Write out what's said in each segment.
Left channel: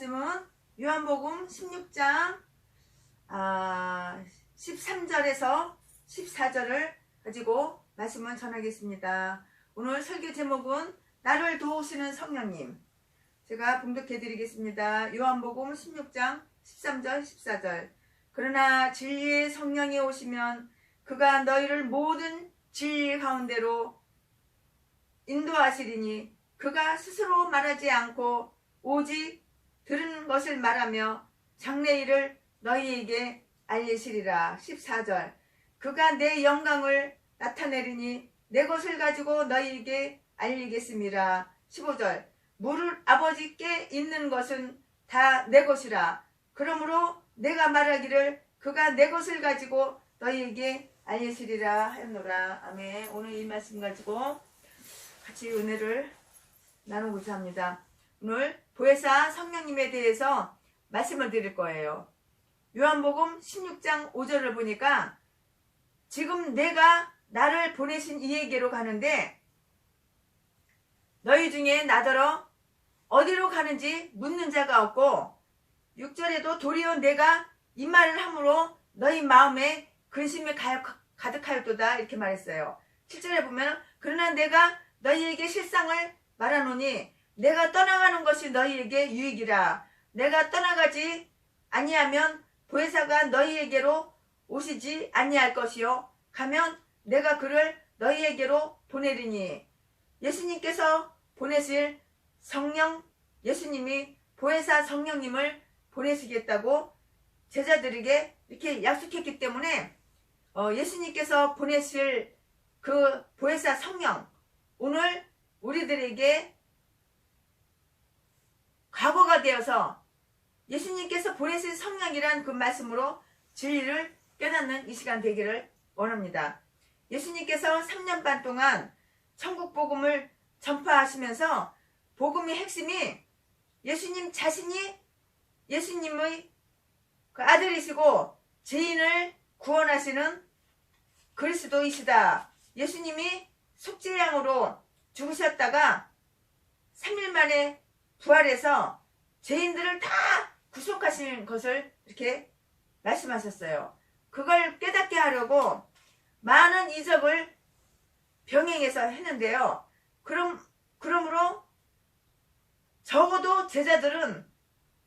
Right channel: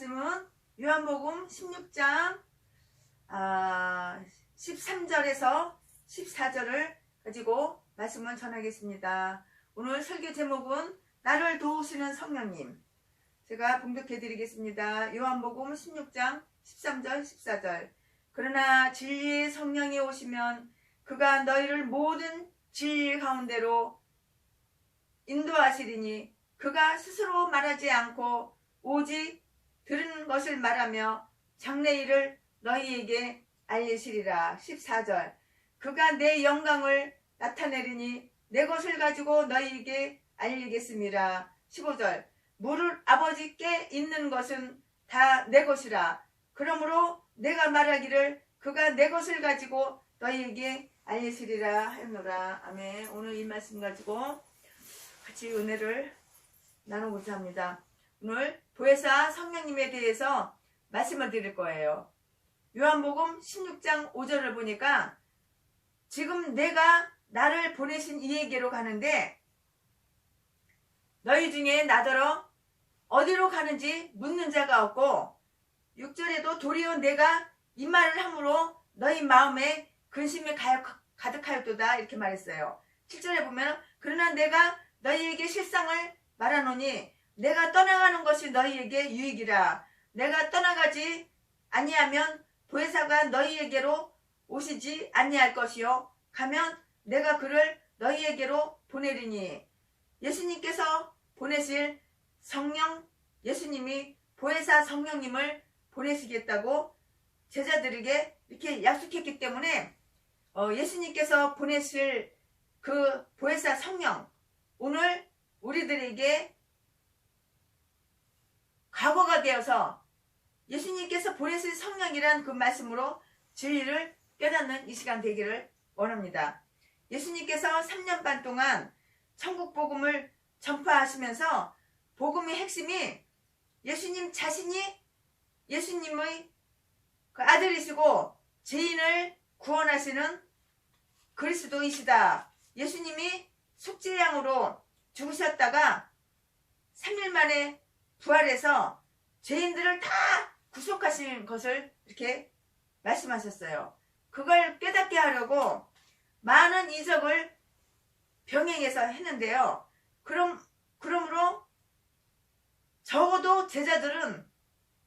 말씀은 요한복음 16장 13절에서 14절을 가지고 말씀을 전하겠습니다. 오늘 설교 제목은 나를 도우시는 성령님. 제가 봉독해 드리겠습니다. 요한복음 16장 13절 14절. 그러나 진리의 성령이 오시면 그가 너희를 모든 진리 가운데로 인도하시리니 그가 스스로 말하지 않고 오직 들은 것을 말하며 장래일을 너희에게 알리시리라. 14절. 그가 내 영광을 나타내리니 내 것을 가지고 너희에게 알리겠습니다. 15절. 무릇 아버지께 있는 것은 다 내 것이라. 그러므로 내가 말하기를 그가 내 것을 가지고 너희에게 알리시리라 하였노라. 아멘. 오늘 이 말씀 가지고 같이 은혜를 나누고자 합니다. 오늘 보혜사 성령님에 대해서 말씀을 드릴 거예요. 요한복음 16장 5절을 보니까 지금 내가 나를 보내신 이에게로 가는데 너희 중에 나더러 어디로 가는지 묻는 자가 없고 6절에도 도리어 내가 이 말을 함으로 너희 마음에 근심이 가득하였도다 이렇게 말했어요. 7절에 보면 그러나 내가 너희에게 실상을 말하노니 내가 떠나가는 것이 너희에게 유익이라. 내가 떠나가지 아니하면 보혜사가 너희에게로 오시지 아니할 것이요 가면 내가 그를 너희에게로 보내리니. 예수님께서 보내실 성령, 예수님이 보혜사 성령님을 보내시겠다고 제자들에게 이렇게 약속했기 때문에 예수님께서 보내실 그 보혜사 성령, 오늘 우리들에게 과거가 되어서 예수님께서 보내실 성령이란 그 말씀으로 진리를 깨닫는 이 시간 되기를 원합니다. 예수님께서 3년 반 동안 천국 복음을 전파하시면서 복음의 핵심이 예수님 자신이 예수님의 그 아들이시고 죄인을 구원하시는 그리스도이시다. 예수님이 속죄양으로 죽으셨다가 3일 만에 부활해서 죄인들을 다 구속하신 것을 이렇게 말씀하셨어요. 그걸 깨닫게 하려고 많은 이적을 병행해서 했는데요. 그러므로 적어도 제자들은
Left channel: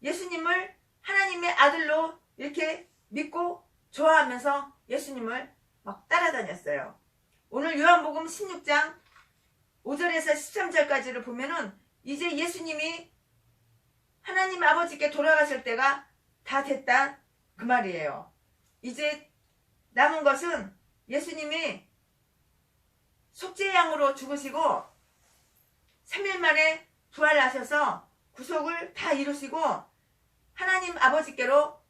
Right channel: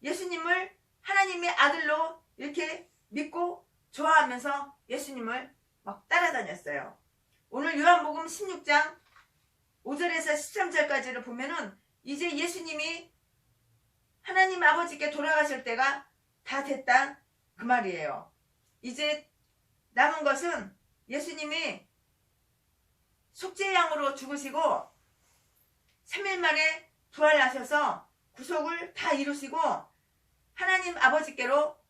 예수님을 하나님의 아들로 이렇게 믿고 좋아하면서 예수님을 막 따라다녔어요. 오늘 요한복음 16장 5절에서 13절까지를 보면은 이제 예수님이 하나님 아버지께 돌아가실 때가 다 됐다 그 말이에요. 이제 남은 것은 예수님이 속죄양으로 죽으시고 3일 만에 부활하셔서 구속을 다 이루시고 하나님 아버지께로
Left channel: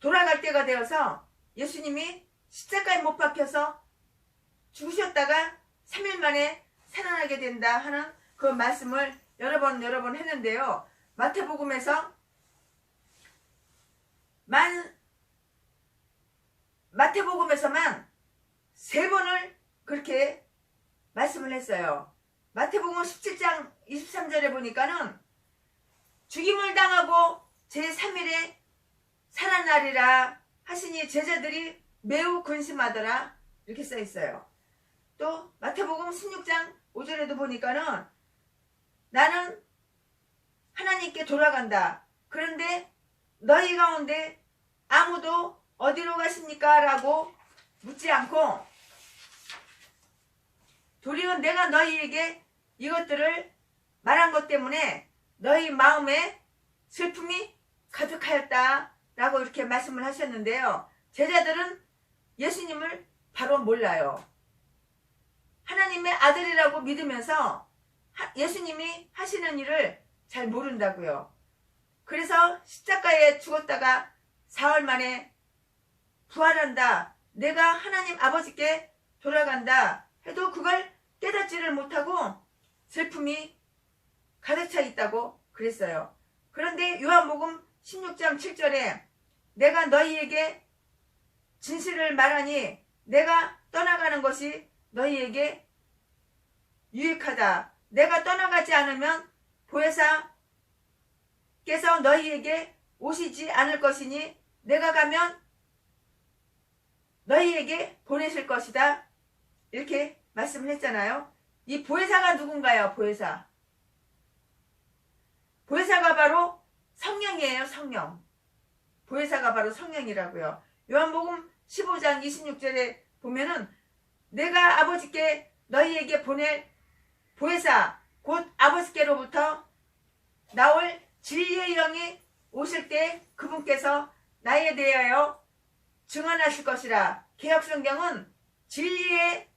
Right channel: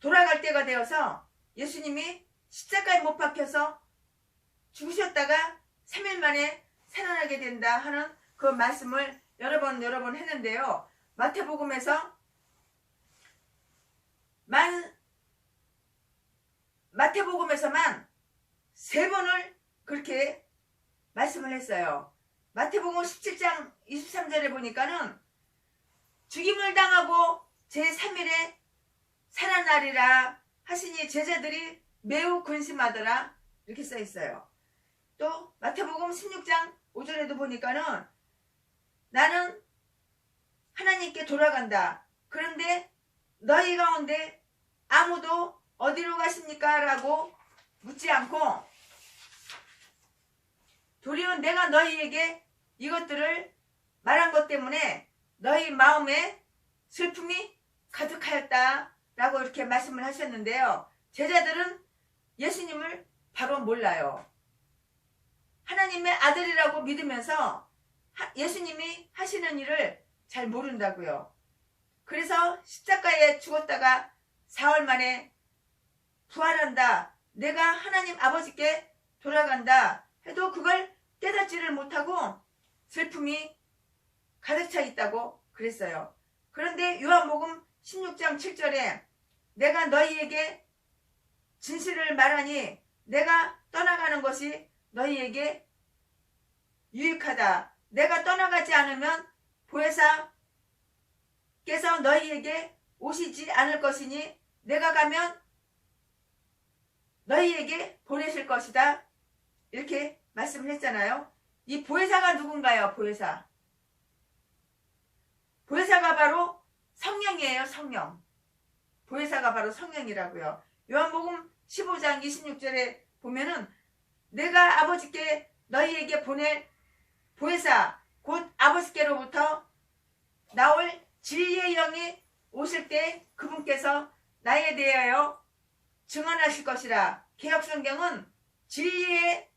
돌아갈 때가 되어서 예수님이 십자가에 못 박혀서 죽으셨다가 3일 만에 살아나게 된다 하는 그 말씀을 여러 번 했는데요. 마태복음에서만 3번을 그렇게 말씀을 했어요. 마태복음 17장 23절에 보니까는 죽임을 당하고 제3일에 살아나리라 하시니 제자들이 매우 근심하더라 이렇게 써 있어요. 또 마태복음 16장 5절에도 보니까는 나는 하나님께 돌아간다. 그런데 너희 가운데 아무도 어디로 가십니까? 라고 묻지 않고 도리어 내가 너희에게 이것들을 말한 것 때문에 너희 마음에 슬픔이 가득하였다 라고 이렇게 말씀을 하셨는데요. 제자들은 예수님을 바로 몰라요. 하나님의 아들이라고 믿으면서 예수님이 하시는 일을 잘 모른다고요. 그래서 십자가에 죽었다가 4월 만에 부활한다. 내가 하나님 아버지께 돌아간다 해도 그걸 깨닫지를 못하고 슬픔이 가득 차 있다고 그랬어요. 그런데 요한복음 16장 7절에 내가 너희에게 진실을 말하니 내가 떠나가는 것이 너희에게 유익하다. 내가 떠나가지 않으면 보혜사 성령께서 너희에게 오시지 않을 것이니 내가 가면 너희에게 보내실 것이다. 이렇게 말씀을 했잖아요. 이 보혜사가 누군가요? 보혜사. 보혜사가 바로 성령이에요. 성령. 보혜사가 바로 성령이라고요. 요한복음 15장 26절에 보면은 내가 아버지께 너희에게 보낼 보혜사 곧 아버지께로부터 나올 진리의 영이 오실 때 그분께서 나에 대하여 증언하실 것이라. 개역성경은 진리의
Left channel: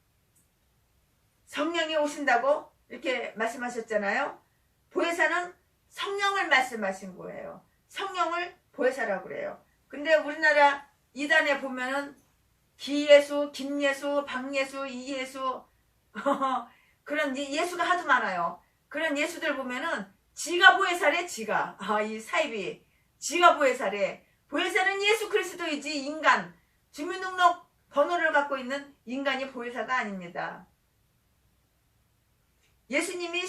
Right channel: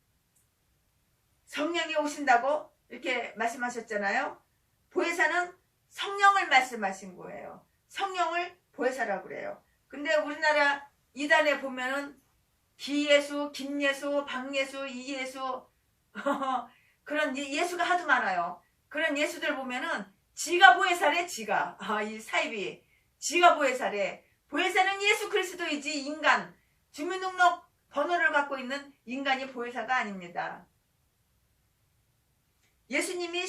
성령이 오신다고 이렇게 말씀하셨잖아요. 보혜사는 성령을 말씀하신 거예요. 성령을 보혜사라고 그래요. 근데 우리나라 이단에 보면은 기예수, 김예수, 박예수, 이예수 그런 예수가 하도 많아요. 그런 예수들 보면은 지가 보혜사래. 지가 이 사입이 지가 보혜사래. 보혜사는 예수 그리스도이지 인간 주민등록 번호를 갖고 있는 인간이 보혜사가 아닙니다. 예수님이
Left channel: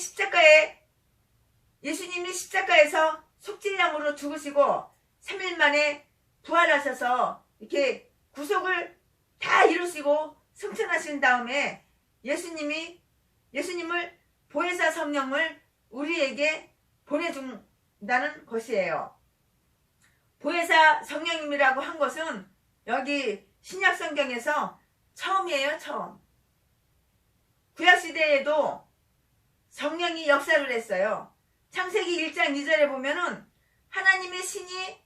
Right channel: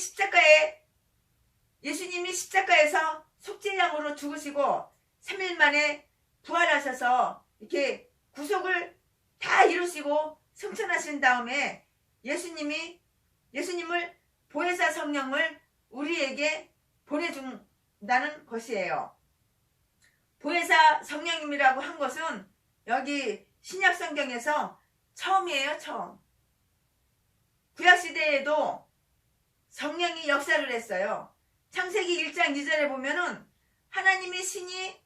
십자가에서 속죄양으로 죽으시고 3일 만에 부활하셔서 이렇게 구속을 다 이루시고 승천하신 다음에 예수님을 보혜사 성령을 우리에게 보내준다는 것이에요. 보혜사 성령님이라고 한 것은 여기 신약 성경에서 처음이에요. 처음. 구약시대에도 성령이 역사를 했어요. 창세기 1장 2절에 보면은 하나님의 신이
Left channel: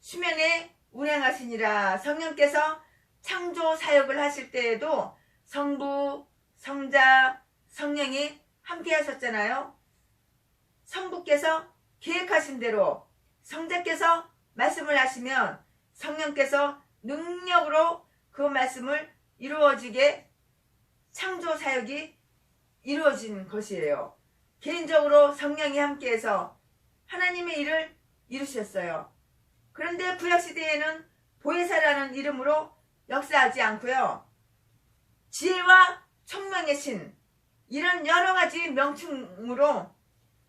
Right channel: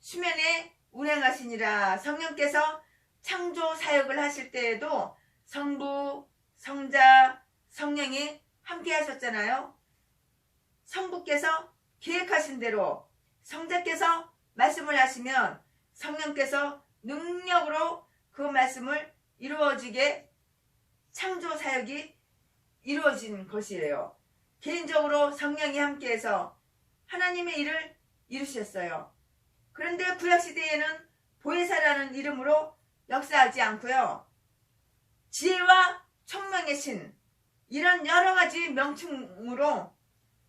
수면에 운행하시니라. 성령께서 창조 사역을 하실 때에도 성부, 성자, 성령이 함께 하셨잖아요. 성부께서 계획하신 대로 성자께서 말씀을 하시면 성령께서 능력으로 그 말씀을 이루어지게 창조 사역이 이루어진 것이에요. 개인적으로 성령이 함께해서 하나님의 일을 이루셨어요. 그런데 구약시대에는 보혜사라는 이름으로 역사하지 않고요. 지혜와 총명의 신 이런 여러가지 명칭으로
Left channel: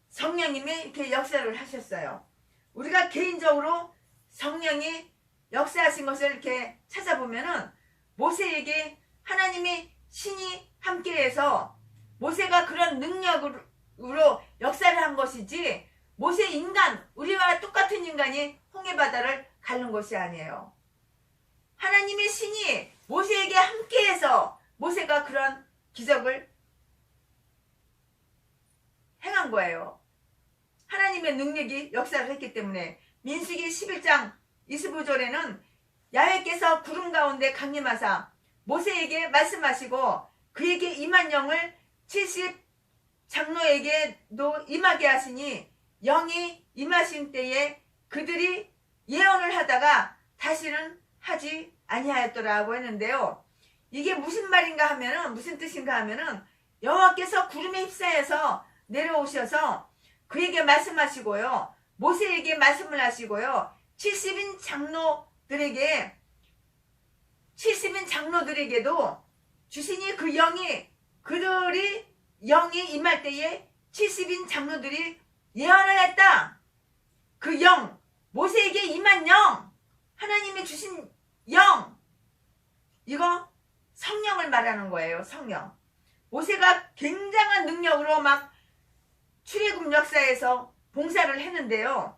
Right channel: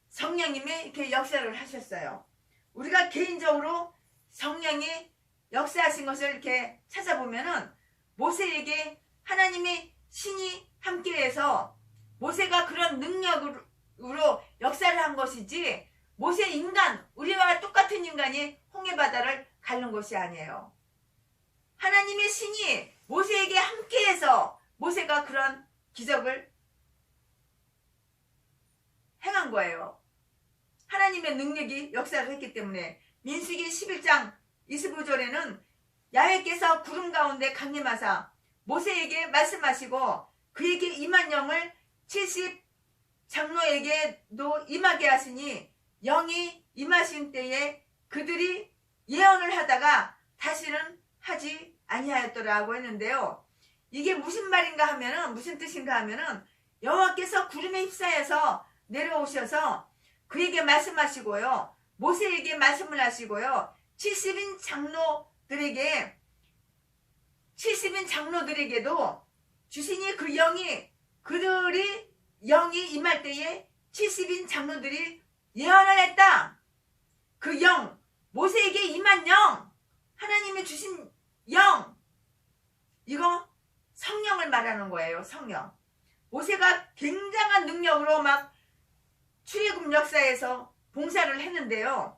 성령님이 이렇게 역사를 하셨어요. 우리가 개인적으로 성령이 역사하신 것을 이렇게 찾아보면은 모세에게 하나님의 신이 함께해서 모세가 그런 능력으로 역사를 한 것이지 모세 인간, 우리와 똑같은 인간이 홍해바다를 가른 것이 아니에요. 하나님의 신이 모세에게 함께해서 모세가 그런 기적을 행한 거예요. 하나님의 능력이 역사를 했기 때문에. 민수기 11장 25절에는 야훼께서 구름 가운데 강림하사 모세에게 말씀하시고 그에게 임한 영을 70 장로에게도 임하게 하시니 영이 임하신 때에 그들이 예언을 하다가 다시는 하지 아니하였더라고 했는데요. 이게 무슨 말인가 하면은, 무슨 뜻인가 하면은 여호와께서 구름에 휩싸여서 내려오셔서 그에게 말씀하시고요, 모세에게 말씀을 하시고요, 70인 장로들에게도 주시니 그 영이, 그들이 영이 임할 때에 70인 장로들이 예언을 했다. 그 영, 모세에게 임한 영, 하나님이 주신 영, 이거 성령을 말하는 거예요. 성령. 모세가 굉장한 능력으로 막 출애굽 역사에서 봉사를 했는데요.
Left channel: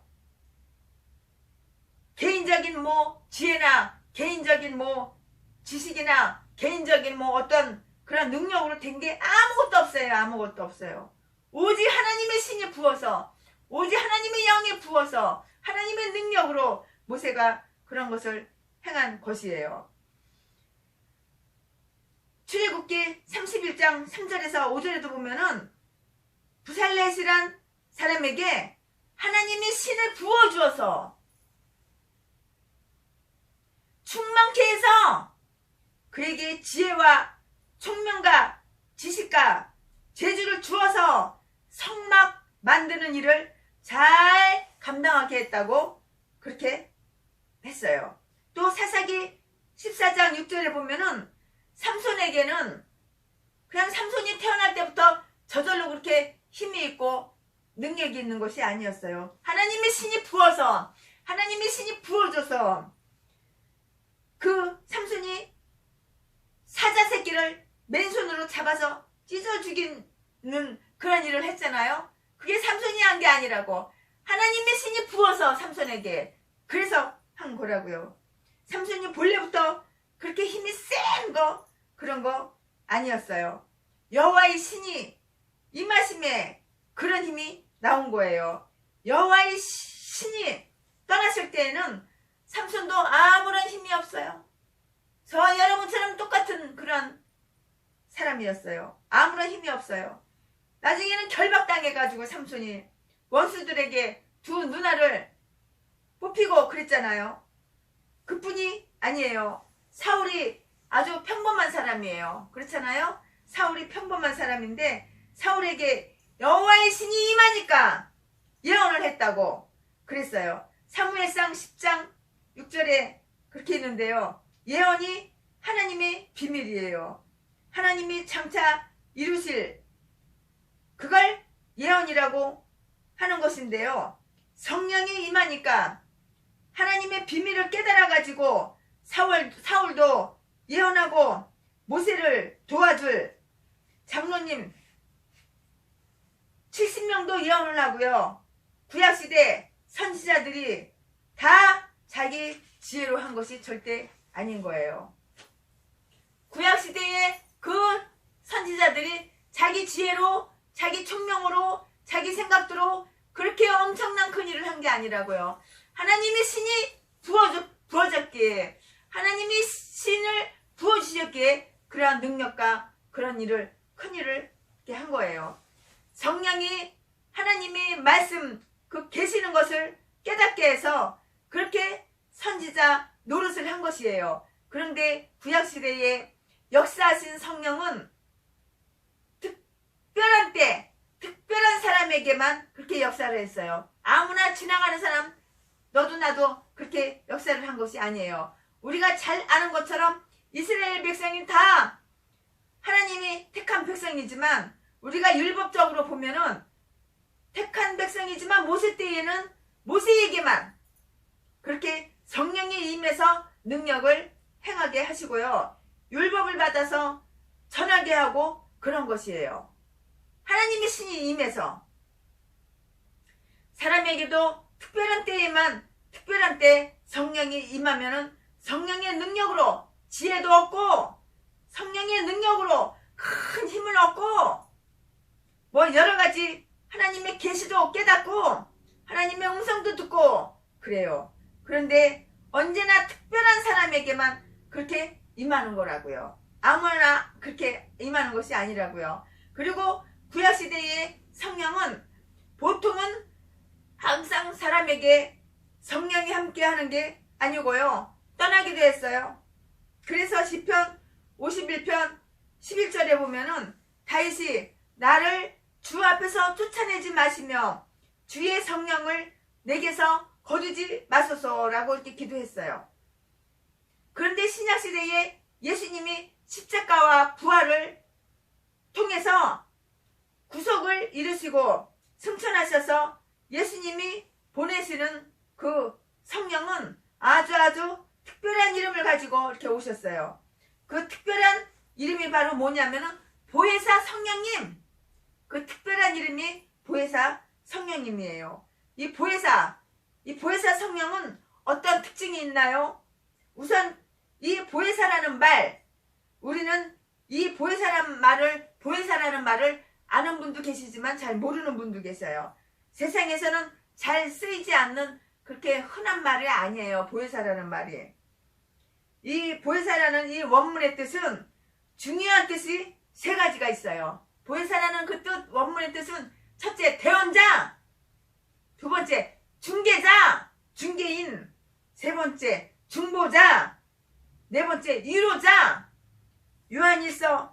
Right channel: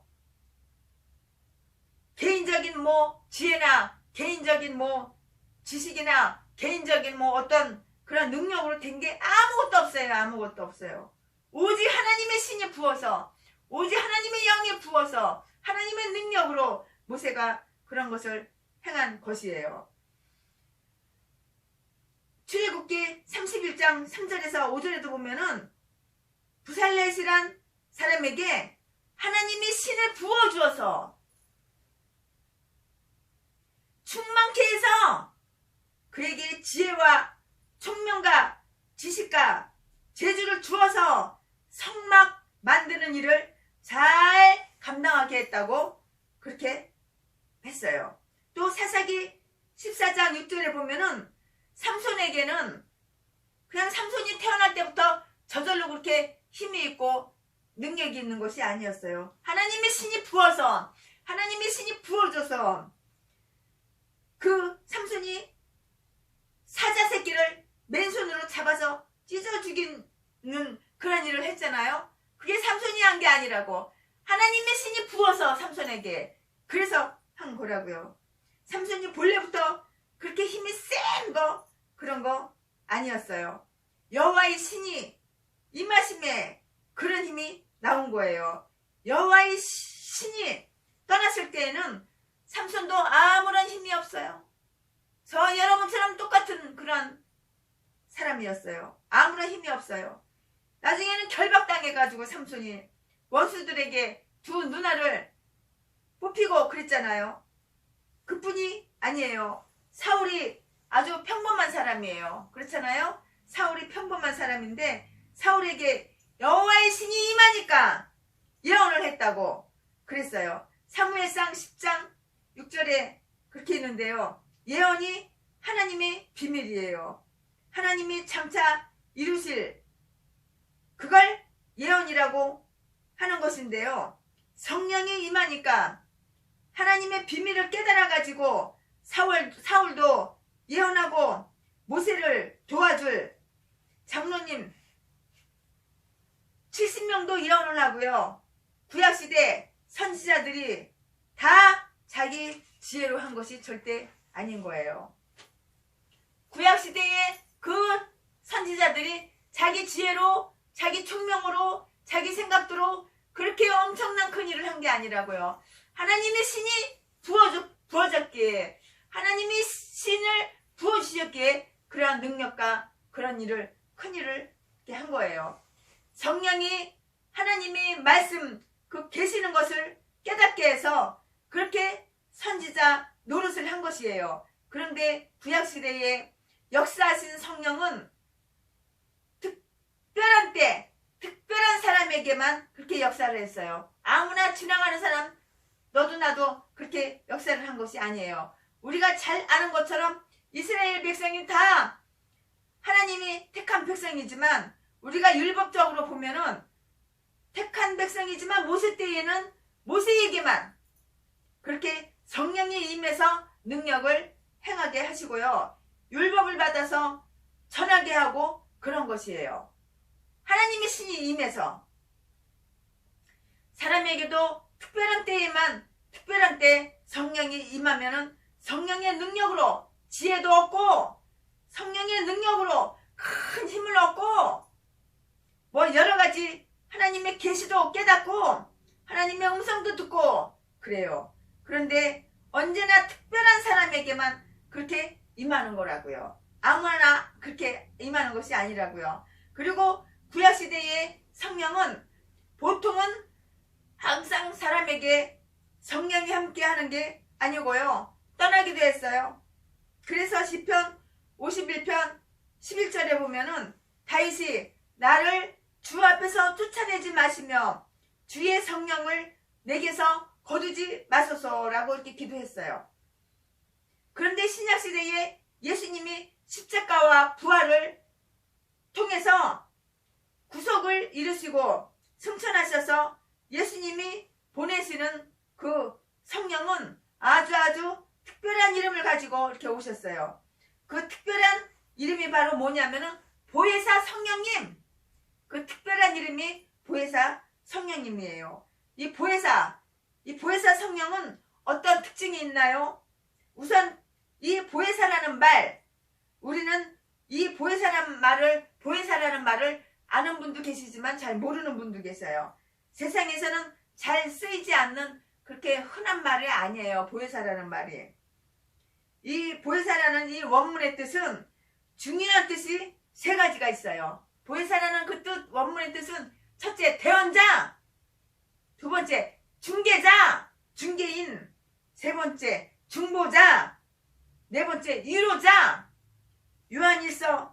개인적인 지혜나 개인적인 지식이나 개인적인 어떤 그런 능력으로 된 게 아무것도 없어요. 아무것도 없어요. 오직 하나님의 신이 부어서, 오직 하나님의 영이 부어서 하나님의 능력으로 모세가 그런 것을 행한 것이에요. 출애굽기 31장 3절에서 5절에도 보면은 부살렛이란 사람에게 하나님이 신을 부어주어서 충만케 해서 그에게 지혜와 총명과 지식과 재주를 주어서 성막 만드는 일을 잘 감당하게 했다고 그렇게 했어요. 또 사사기 14장 6절에 보면은 삼손에게는 그냥 삼손이 태어날 때부터 저절로 그렇게 힘이 있고 능력이 있는 것이 아니었어요. 하나님의 신이 부어서, 하나님의 신이 부어줘서 그 삼손이 사자 새끼를 맨손으로 잡아서 찢어 죽이는 그런 일을 했잖아요. 그게 삼손이 한 게 아니라고. 하나님의 신이 부어서 삼손에게 그래서 한 거라고요. 삼손이 본래부터 그렇게 힘이 센 거 그런 거 아니었어요. 여호와의 신이 임하심에 그런 힘이 나온 거예요. 여호와의 신이 떠났을 때에는 삼손도 아무런 힘이 없어요. 저와 여러분처럼 똑같은 그런 사람이었어요. 아무런 힘이 없어요. 나중에는 결박당해가지고 삼손이 원수들에게 두 누나를 뽑히고 그랬잖아요. 그뿐이 아니에요. 사울이 아주 평범한 사람이에요. 그렇잖아요. 사울이 평범한 사람인데 사울에게 여호와의 신이 임하니까 예언을 했다고 그랬어요. 사무엘상 10장 6절에 그렇게 있는데요. 예언이 하나님의 비밀이에요. 하나님이 장차 이루실 그걸 예언이라고 하는 것인데요. 성령이 임하니까 하나님의 비밀을 깨달아가지고 사울도 예언하고 모세를 도와줄 장로님 70명도 예언을 하고요. 구약시대 선지자들이 다 자기 지혜로 한 것이 절대 아닌 거예요. 구약시대에 그 선지자들이 자기 지혜로, 자기 총명으로, 자기 생각대로 그렇게 엄청난 큰 일을 한 게 아니라고요. 하나님의 신이 부어졌기에, 하나님의 신을 부어주셨기에 그러한 능력과 그런 일을, 큰 일을 한 거예요. 성령이 하나님의 말씀 그 계시는 것을 깨닫게 해서 그렇게 선지자 노릇을 한 것이에요. 그런데 구약시대에 역사하신 성령은 특별한 때 특별한 사람에게만 그렇게 역사를 했어요. 아무나 지나가는 사람 너도 나도 그렇게 역사를 한 것이 아니에요. 우리가 잘 아는 것처럼 이스라엘 백성이 다 하나님이 택한 백성이지만 우리가 율법적으로 보면은 택한 백성이지만 모세 때에는 모세에게만 그렇게 성령이 임해서 능력을 행하게 하시고요. 율법을 받아서 전하게 하고 그런 것이에요. 하나님의 신이 임해서 사람에게도 특별한 때에만 특별한 때 성령이 임하면은 성령의 능력으로 지혜도 얻고 성령의 능력으로 큰 힘을 얻고 뭐 여러가지 하나님의 계시도 깨닫고 하나님의 음성도 듣고 그래요. 그런데 언제나 특별한 사람에게만 그렇게 임하는 거라고요. 아무나 그렇게 임하는 것이 아니라고요. 그리고 구약시대의 성령은 보통은 항상 사람에게 성령이 함께 하는 게 아니고요. 떠나기도 했어요. 그래서 시편 51편 11절에 보면은 다윗이 나를 주 앞에서 쫓아내지 마시며 주의 성령을 내게서 거두지 마소서라고 이렇게 기도했어요. 그런데 신약시대에 예수님이 십자가와 부활을 통해서 구속을 이루시고 승천하셔서 예수님이 보내시는 그 성령은 아주 특별한 이름을 가지고 이렇게 오셨어요. 그 특별한 이름이 바로 뭐냐면은 보혜사 성령님. 그 특별한 이름이 보혜사 성령님이에요. 이 보혜사 성령은 어떤 특징이 있나요? 우선 이 보혜사라는 말, 우리는 이 보혜사라는 말을 아는 분도 계시지만 잘 모르는 분도 계세요. 세상에서는 잘 쓰이지 않는 그렇게 흔한 말이 아니에요. 보혜사라는 말이. 이 보혜사라는 이 원문의 뜻은 중요한 뜻이 세 가지가 있어요. 보혜사라는 그 뜻, 원문의 뜻은 첫째 대언자, 두 번째 중개자, 중개인, 세 번째 중보자, 네 번째 위로자. 요한일서